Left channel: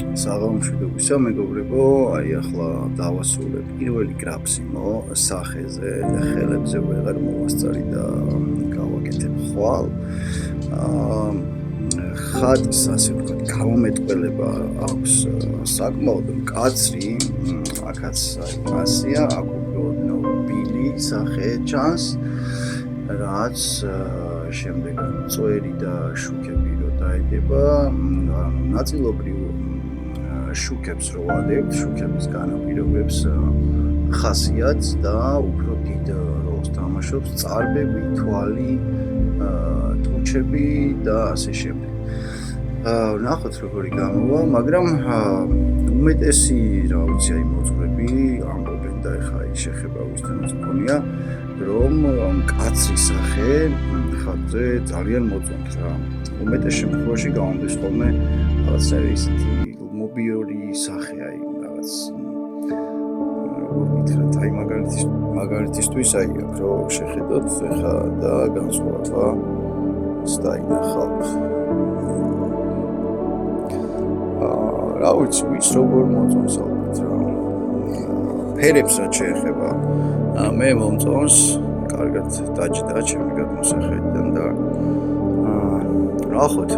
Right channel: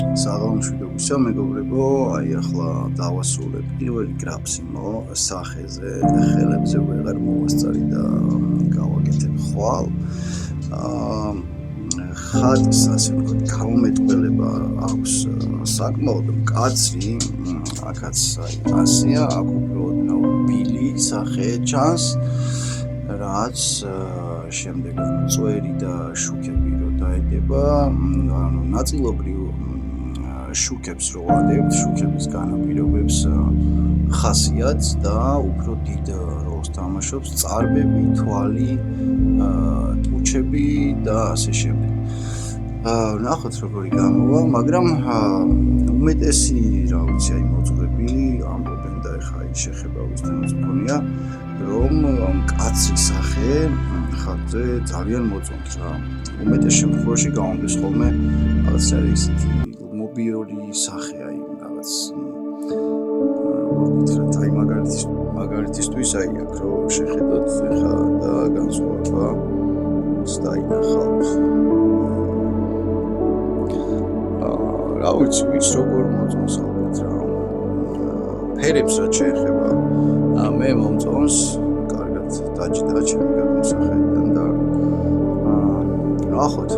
საღამომშვიდობისა მეგობრებო, აი ახლა დავასრულებ პირველი გრაფსიმო სახეზე, ხელებზე ვეღარ მოვასწარი და გავაკეთებ ხვალ. ხატს ასე ვთქვათ, გამომეტყველება აქვს საკმაოდ მკაცრი, აქაც აი ასია, აქ უფრო ბილი სახე ჩანს, რაც შემდეგ წვერი და შუქები რო დაედება, ანუ ნაწილობრივ შუქებს რო ვადებთ, შუქების განაპირობებს ხასიათს და უფრო დიდ როლს თამაშობს წარბები, თვალი, ტუჩები და ასე შემდეგ. ვნახოთ როგორი გამოვა, მაგრამ უმეტესი რა ვიცი, აი მოძღვრები ამბობენ და ეხა აი შეხება ვისთანაც მქონია, რომ მკაცრი სახე ხატზე ძალიან მოწონთ რა. უმეტეს შემთხვევაში გამომდის ხოლმე რაღაცა ისეთი მობიური სახე, აი რაღაც როგორ გითხრათ, აი მაგალითისთვის აი აქ რო შეხედოთ ეხა და განსხვავება დაინახავთ. რა ვიცი, ვის როგორ მოწონს ალბათ რა. ფერებს რაც შეეხება, მე მომწონს, კარგად დაჯდა ჩემი გადმოსახედიდან და ნახოთ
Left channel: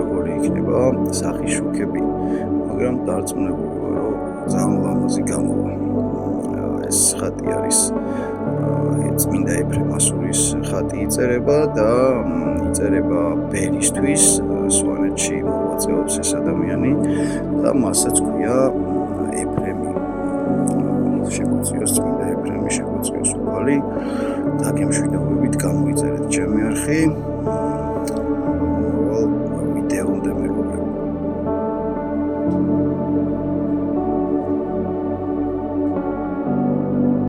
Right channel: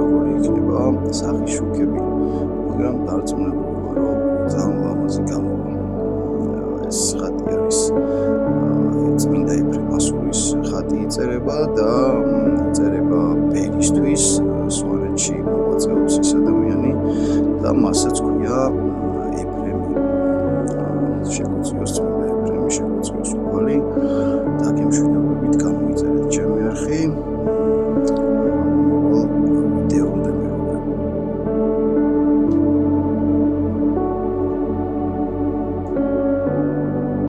როგორი იქნება სახის შუქები, მაგრამ დარწმუნებული ვარ, რომ ძალიან ლამაზი გამოვა. ეს ხატი არის წმინდა ეფრემ ასურის ხატი იწერება და იწერება ბერისთვის, სვანეთში მოღვაწეობს ეს ადამიანი და მასაც ქვია ეფრემი. შეგვიწიოს წმინდა ეფრემი, შეგვიწიოს უფალი, დაგემშვიდობებით, გამოიწერეთ ჩემი არხი.